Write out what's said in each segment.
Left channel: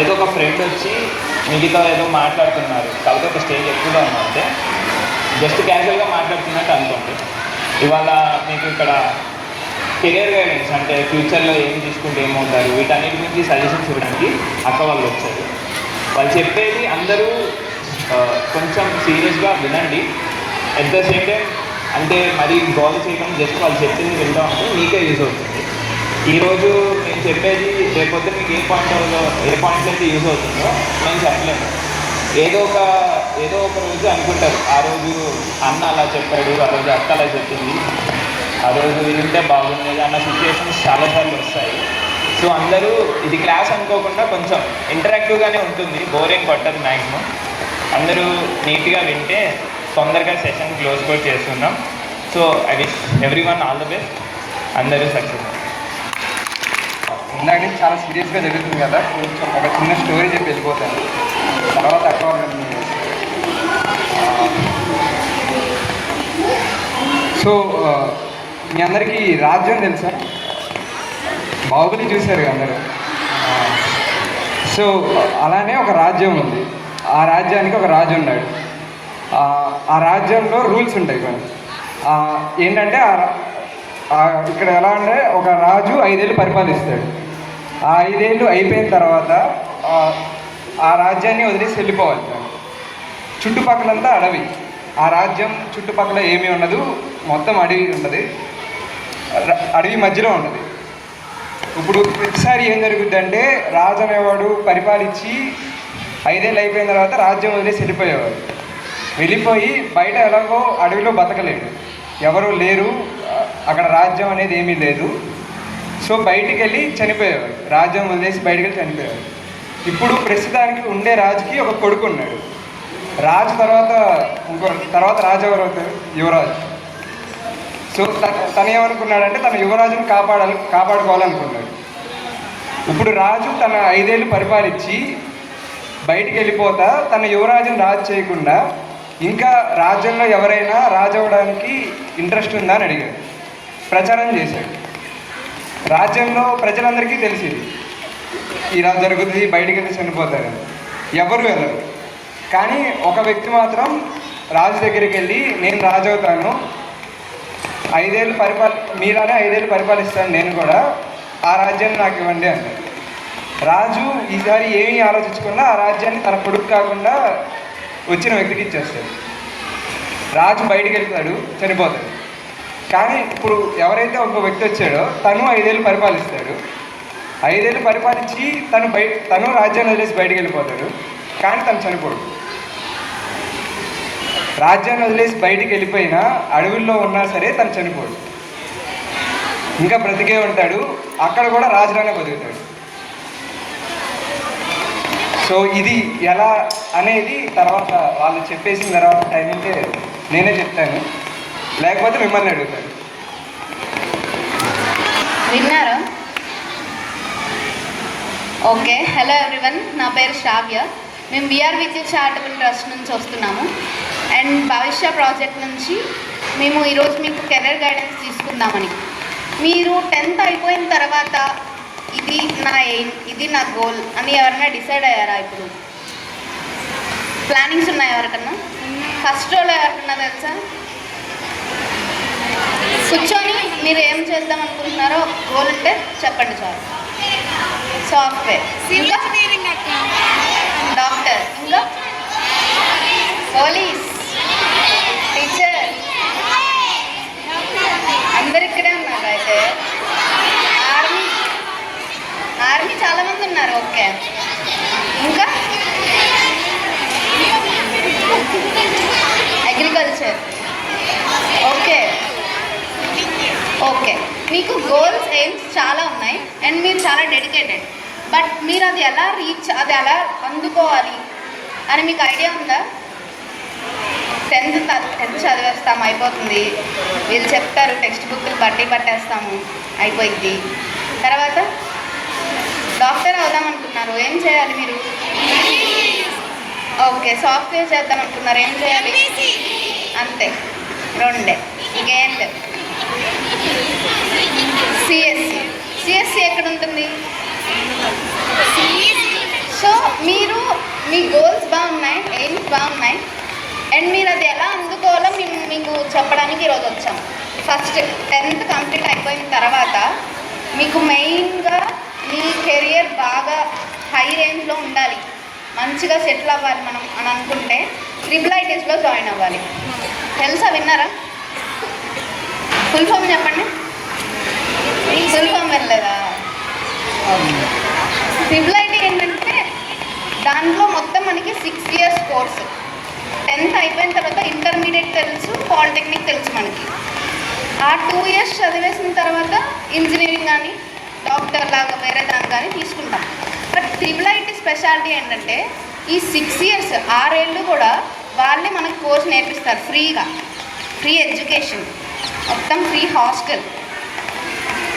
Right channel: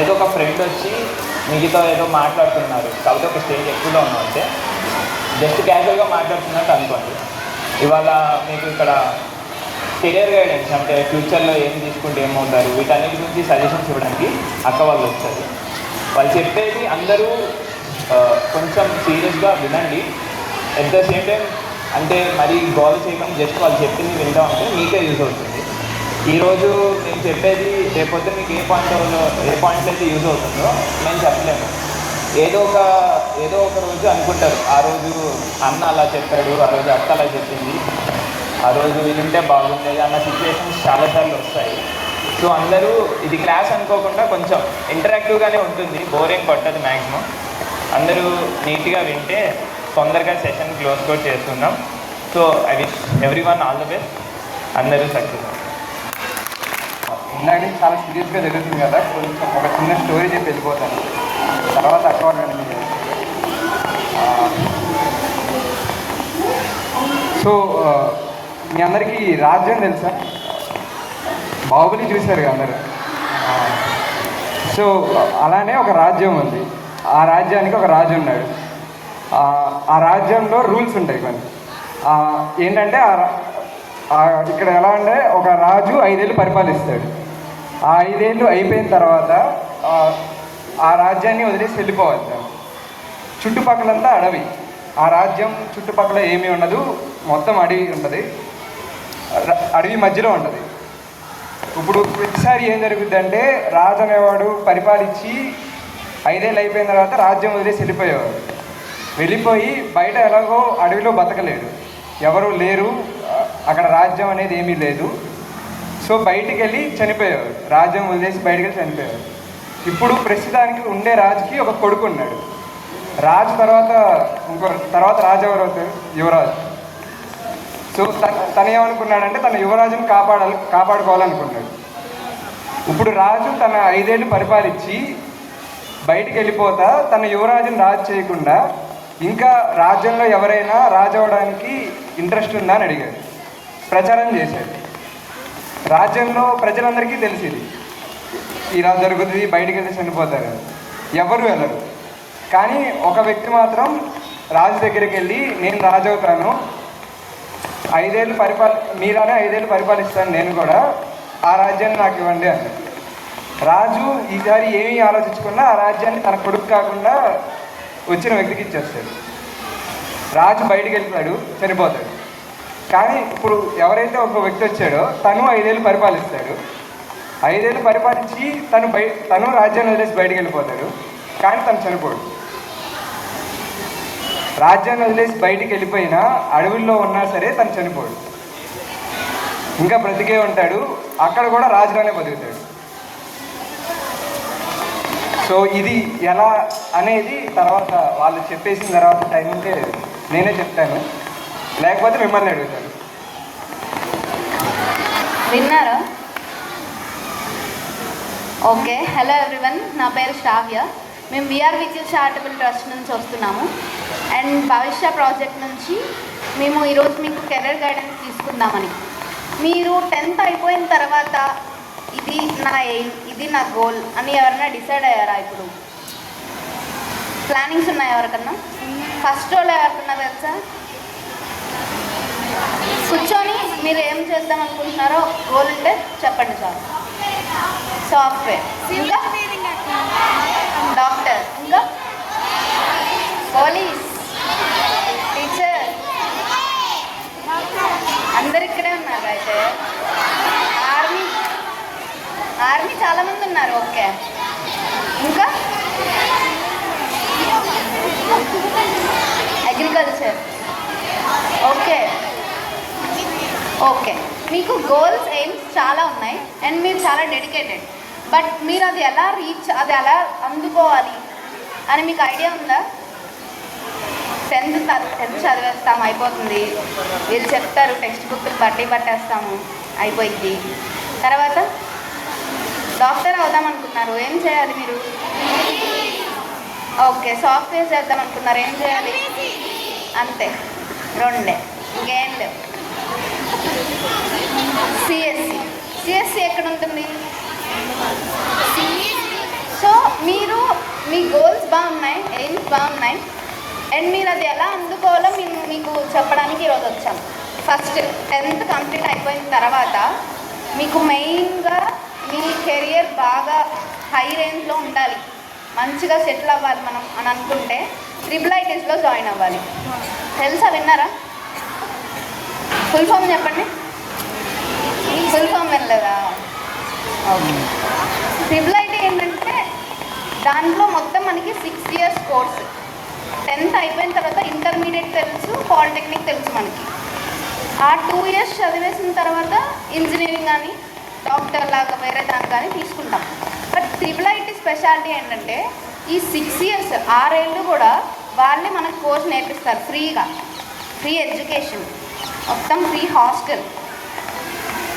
ఏదో ఒక ఫ్రెండ్ వచ్చి మిగతా ఏదో మాట్లాడుతున్నారు, కాకపోతే ఒక స్టేజ్ ఎక్కువగా ఉందంటే జస్ట్ క్యాజువల్గా మాట్లాడుతున్నట్టు అనుకోండి. ఇవాళ మీకు ఇక్కడ కెరియర్ గైడెన్స్ అంటే ఫ్యూచర్లో ఏం తీసుకుంటే ఏమవుతారు వీటన్నిటి గురించి సజెషన్స్ ఇవ్వడానికి అక్క వాళ్ళు వచ్చారు. వాళ్ళు చెప్పేది అందరూ కొంచెం సీరియస్గా వినండి. ఎట్ ద సేమ్ టైం అంటే మరీ గోల్ చేయడం జస్ట్ వాళ్ళు చెప్పింది వింటా ఉంటే మీకే యూజ్ అవుతుంది. ఈరోజు నేను చెప్పేది రేపొద్దు మీకు ఏ పాయింట్ అయితే యూజ్ అవుతుందో నేను చెప్పలేను. ఏదో ఒక రోజు అనుకుంటారు, ఆ రోజు అన్న అలా చెప్పాడు, ఆ రోజు అక్క అలా చెప్పింది, ఆ రోజు వింటే బాగుంది అన్న సిచ్యువేషన్స్ చాలాసార్లు వస్తాయి. సో అందరూ ఇది క్లాస్ అనుకోకుండా కొంచెం ఇంటరాక్టివ్గానే ఉంటుంది, బోరింగ్ పట్టదు మ్యాక్సిమం. అందరూ నీట్గా వింటే తొందరగా సెషన్ క్లోజ్ కూడా చేస్తున్నాం. So I wish everyone all the best. అందరూ సక్సెస్. ఇందాక చాలా సీరియస్గా జరుగుతుంది కదా, కొంచెం ఒక చిన్న స్టోరీ చెప్పి వెళ్ళిపోతాను. తర్వాత అక్కడ సో మీ అందరికీ రాజ్యం తెలుసా? బాహుబలి చూశారు కదా అందరు. సో అలానే ఒక రాజ్యం ఉంది. ఆ రాజ్యానికి ఒక రాజు ఉన్నాడు. ఆ రాజ్యంలో రూల్స్ ఉంటాయి కొన్ని. ఏంటంటే ఇక్కడ ఎలా అంటే ఒక రాజు 5 ఏళ్ళు పరిపాలిస్తాడు. ఆ 5 ఏళ్ళు అయిపోయిన తర్వాత ఆ రాజ్యాన్ని వదిలేసి వెళ్ళిపోవాలి. చుట్టుపక్కలంతా అడవి. ఆ రాజ్యం చుట్టుపక్కల ఏమీ ఉండదు, మొత్తం అడవి ఉన్నది, అడవి మధ్యలో ఉంటుంది. ఇప్పుడు ప్రతిసారి ఏం జరుగుద్దంటే రాజు అనేవాడు పరిపాలించి 5 ఏళ్ళు అయిపోయిన తర్వాత రాజ్యం వదిలేసి వెళ్ళిపోయేవాడు. వెళ్ళిపోయి బయట ఎలాగో అడవిలో బతకలేడు, ఎవరో లేరు, అక్కడ రాజ్యం అనేది ఏమీ లేదు. సో బయటికి వెళ్ళి చనిపోయేవారు, రాజ్యం వదిలేసి బయటికి వెళ్ళి చనిపోయేవారు. ఇప్పుడు ప్రస్తుతానికి ఉండే రాజుకి ఒక కొడుకు ఉన్నాడు. రాజు తర్వాత రాజు ఎవరు అవుతారు? యువరాజు. సో తను ఏమనుకున్నాడంటే తన యువరాజుని కాపాడుకోవాలనుకున్నాడు. ఇప్పుడు రాజు తన 5 ఏళ్ళు పరిపాలించి బయటికి వెళ్ళిపోతా తన యువరాజుని రాజు చేయకుండా ఇంకా రాజ్యంలో ఎవరైనా రాజు అవ్వడానికి ఇంట్రెస్ట్ ఉందా అని అడిగాడు. ప్రచారం చేశాడు. రాజ్యంలో ప్రజలందరికీ తెలిసింది ఇలా జరుగుతుంది, బయటికి వెళ్ళి చనిపోతారు, ఎవరు వెళ్ళరు. కానీ ఒక వ్యక్తి మాత్రం రాజు దగ్గరికి వెళ్ళి నేను రాజు అవుతాను, 5 ఏళ్ళు మీరానే 5 ఏళ్ళు పరిపాలిస్తాను, నేను కూడా ఆ రాజ్యాన్ని నాకు ఇవ్వండి అన్నాడు. రాజు ఈసారి ఏమీ ఆలోచించకుండా ఆ రాజ్యాన్ని తన కొడుకు కాకుండా వచ్చిన వ్యక్తికి ఇచ్చేస్తాడు. రాజు బయటికి వెళ్తాడు, చనిపోతాడు. కానీ ఇప్పుడు ఎవరైతే ఒక వ్యక్తి వచ్చాడో తను 5 ఏళ్ళు పరిపాలిస్తాడు. 5 ఏళ్ళు పరిపాలించి తను రాజ్యాన్ని వదిలేసి బయటికి వెళ్ళిపోతాడు. కానీ తను చనిపోడు. రాజ్యాన్ని వదిలేసి బయటికి వెళ్ళిపోయినా అడవుల్లో ఉన్నా సరే తను చనిపోడు, ఇంకా బ్రతికే ఉంటాడు. అక్కడ కూడా రాజుగానే బతుకుతాడు. సో ఇది ఎలా అనేది తర్వాత వాళ్ళు చెప్పేసిన తర్వాత టైం ఉంటే నేనే చెప్తాను, లేకపోతే మిమ్మల్ని అడుగుతాను. విన్నారా? ఓకే, హలో ఎవ్రీవన్, నా పేరు శ్రావ్య. మేము విఆర్ విద్యుత్ చారిటబుల్ ట్రస్ట్ నుంచి వస్తున్నాము. అండ్ భవిష్య ప్రాజెక్ట్ నుంచి మేము ఈరోజు మీకు కెరీర్ గైడెన్స్ తీసుకుందామని. మీరు 10th అయిపోయిన తర్వాత ఇది నా ఎయిమ్, ఇది నా గోల్ అని ఎవరైనా డిసైడ్ అయ్యారా? ఇప్పుడు ప్లానింగ్స్ ఉన్నాయా ఎవరికన్నా? ఫస్ట్ రోల్ ఎవరికన్నా తెలుసా? కూర్చొని మీరు ఏం చేద్దాం అనుకుంటున్నారో గోల్ ఉంటే చెప్పండి చాలు. సాఫ్ట్వేర్, ఇంకా డాక్టర్, ఇంకా పోలీస్, టీచర్, అందరు ఇక్కడే ఉన్నారు. అయితే ఆర్మీ చాలామంది ఉన్నారు. ఓకే, ఇంకా అగ్రికల్చర్. ఓకే ఓకే, మీకు గోల్స్ ఎయిమ్స్ చాలా ఉన్నాయి అండ్ మీరు చాలా డెడికేటెడ్. బట్ మీరు అది ఎలా అందుకోవాలి అని మీకు ఐడియా ఉందా? 10th చదివేస్తాం, అయిపోతుంది. వీళ్ళు చెప్తారు టెక్స్ట్ బుక్లు పట్టేస్తాము, అయిపోయింది. తర్వాత డాక్టర్ అవుదాం అనుకున్నారు, ఏం చేయాలి మీరు? ఓకే, సాఫ్ట్వేర్ చేద్దాం అనుకున్నారు, ఏం చేయాలి? అంతే, 2 ఇంకేం లేదు. సిఎస్సి ఎక్కడ ఉంటుంది? సో మీ గోల్స్ బాగున్నాయి, ఎయిమ్స్ బాగున్నాయి, అండ్ మీరు అది ఎలా అందుకోవాలో మేము మీకు చెప్పడానికి ఈరోజు వచ్చాం. ఫస్ట్ 10th కంప్లీట్ అయిపోయిన తర్వాత మీకు మెయిన్గా మీ కెరియర్ బాగా హై రేంజ్లో ఉండాలి, మంచిగా సెటిల్ అవ్వాలి మనం అని అనుకుంటే IITsలో జాయిన్ అవ్వాలి. తెలుసా, విన్నారా? ఫుల్ ఫామ్ చెప్పండి. ఫుల్ ఫామ్ వెళ్ళలేదా? IIT ఏంటంటే దాంట్లో మొత్తం మనకి 6 years కోర్సు. 10th అయిపోయిన తర్వాత ఇంటర్మీడియట్ తెలుసు, పాలిటెక్నిక్ తెలుసు మనకి. ఆ 2 years చదివేసిన తర్వాత ఇంజనీరింగ్ కానీ డాక్టర్ లాగా వేరే దాన్ని కానీ తీసుకుంటాం. బట్ IIT స్పెషాలిటీ ఏంటంటే ఈ 6 years 6 ఏళ్ళు కూడా వాళ్ళే మనకి కోర్స్ నేర్పిస్తారు ఫ్రీగా. ఫ్రీ ఎడ్యుకేషన్, మొత్తం ఫ్రీ హాస్టల్.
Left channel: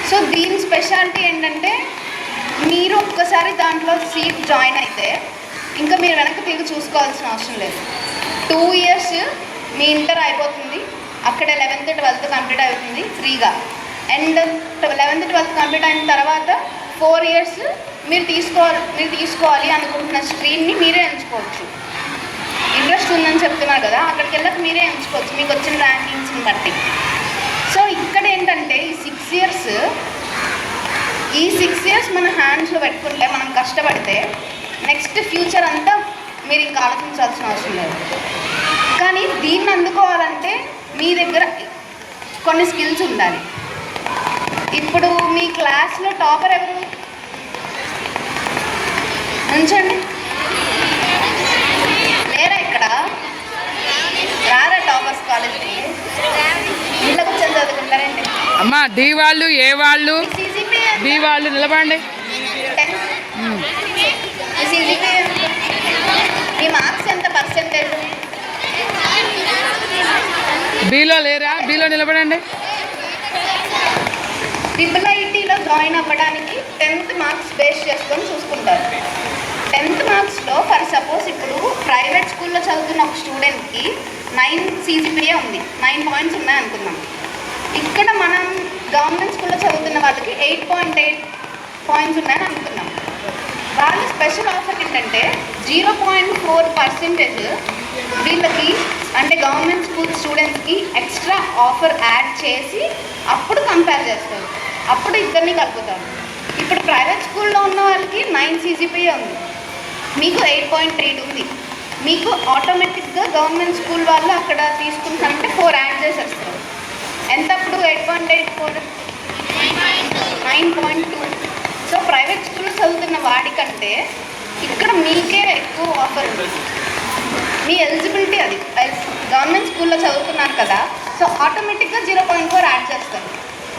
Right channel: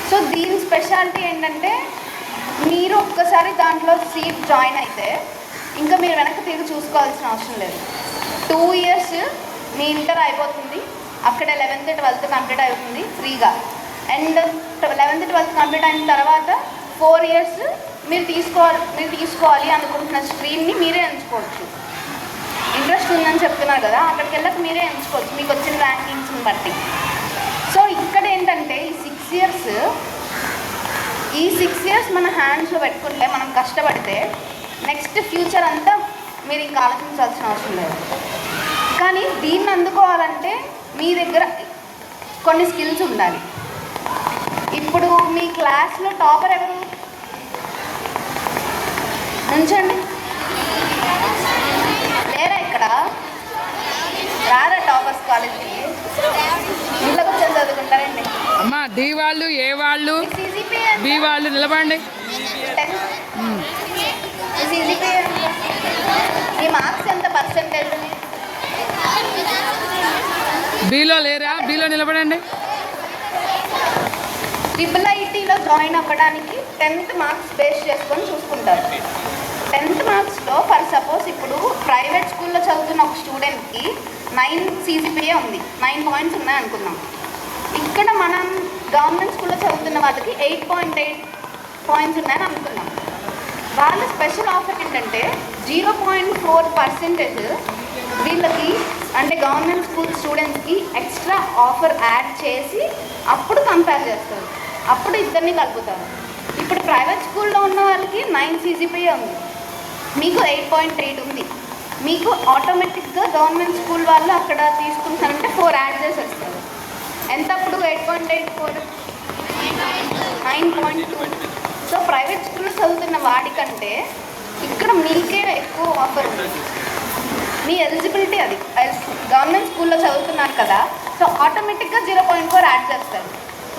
సో దీని స్పెషాలిటీ ఏంటంటే మీరు ఒక్కసారి దాంట్లో సీట్ జాయిన్ అయితే ఇంకా మీరు వెనక్కి తిరిగి చూసుకోవాల్సిన అవసరం లేదు. 2 years మీ ఇంటర్ అయిపోతుంది, అక్కడ 11th 12th కంప్లీట్ అవుతుంది ఫ్రీగా. అండ్ 11th 12th కంప్లీట్ అయిన తర్వాత 4 years మీరు తీసుకోవాలి అనుకుంటున్న స్ట్రీమ్ని మీరే ఎంచుకోవచ్చు. ఇంట్రెస్ట్ ఉందని చెప్తున్నారు కదా, అక్కడికి వెళ్ళక మీరే ఎంచుకోవచ్చు మీకు వచ్చిన ర్యాంకింగ్స్ని బట్టి. సో ఇక్కడ ఏంటంటే ఈ 6 years మన హ్యాండ్స్లో పెట్టుకుంటే, మనం కష్టపడితే నెక్స్ట్ ఫ్యూచర్ అంతా మీరు ఇంకా ఆలోచించాల్సిన అవసరం లేదు. కానీ దీన్ని అందుకోవాలంటే మీ దగ్గర కొన్ని స్కిల్స్ ఉండాలి. ఇప్పుడు మీ క్లాస్లో టాపర్ ఎవరు? ఉంచండి. లేరా ఇక్కడ? రారా టాపర్స్ కాలేజ్కి? ఇంట్లోకి వచ్చి చదువుకుంటారండి. అమ్మా డి వాళ్ళు, ఏ వాళ్ళు, బి వాళ్ళు నిలబడండి. మీ మార్క్స్ ఎంత పర్సెంటేజ్? బిలో లేరా? బిలో నిలబడండి. IITలో జాయిన్ అవ్వడానికి 10th మార్క్స్ బేస్ చేసుకొని చూసుకుంటారు. 10th మార్క్స్లో ఫర్ సపోజ్ ఇప్పుడు ప్రైవేట్ స్కూల్లో చదువుతున్న ఒక స్టూడెంట్కి 9 CGPA ఉంది, 9 points ఉన్నాయి అనుకుందాం. ఇక్కడ మనం గవర్నమెంట్ స్కూల్లో చదువుతున్న వాళ్ళకి 8.8 points ఉన్నాయని అనుకున్నాం. వాళ్ళ స్పెషల్ ఆఫర్ ఏంటంటే 0.4% వీళ్ళకి, అంటే గవర్నమెంట్ స్కూల్ స్టూడెంట్స్కి ఎక్స్ట్రా ఆఫర్ యాడ్ చేసి అప్పుడు కంపేర్ చేస్తారు, అప్పుడు ఇద్దరిని కలుపుతారు. ఇప్పుడు ప్రైవేట్ స్కూల్లో ఉన్న వాళ్ళకి 9 CGPA ఉంది, మీకు 8.8 ఉంది. మీకు ఆటోమేటిక్గా గవర్నమెంట్ స్కూల్ వాళ్ళు అక్కడ తీసుకుంటారంటే 4 యాడ్ చేసేస్తారు. ఎంత అప్పుడు? 8.8 4 9.2. సో ప్రైవేట్ స్కూల్ చదువుతున్న వాడికంటే ఇక్కడ మీకే ఎక్కువ ఆఫర్ ఉంది. మీ ఎలిజిబిలిటీ అది. గవర్నమెంట్ స్కూల్లో చదువుతున్నారు కదా, సో ఆటోమేటిక్గా 0.4 యాడ్ చేస్తారు.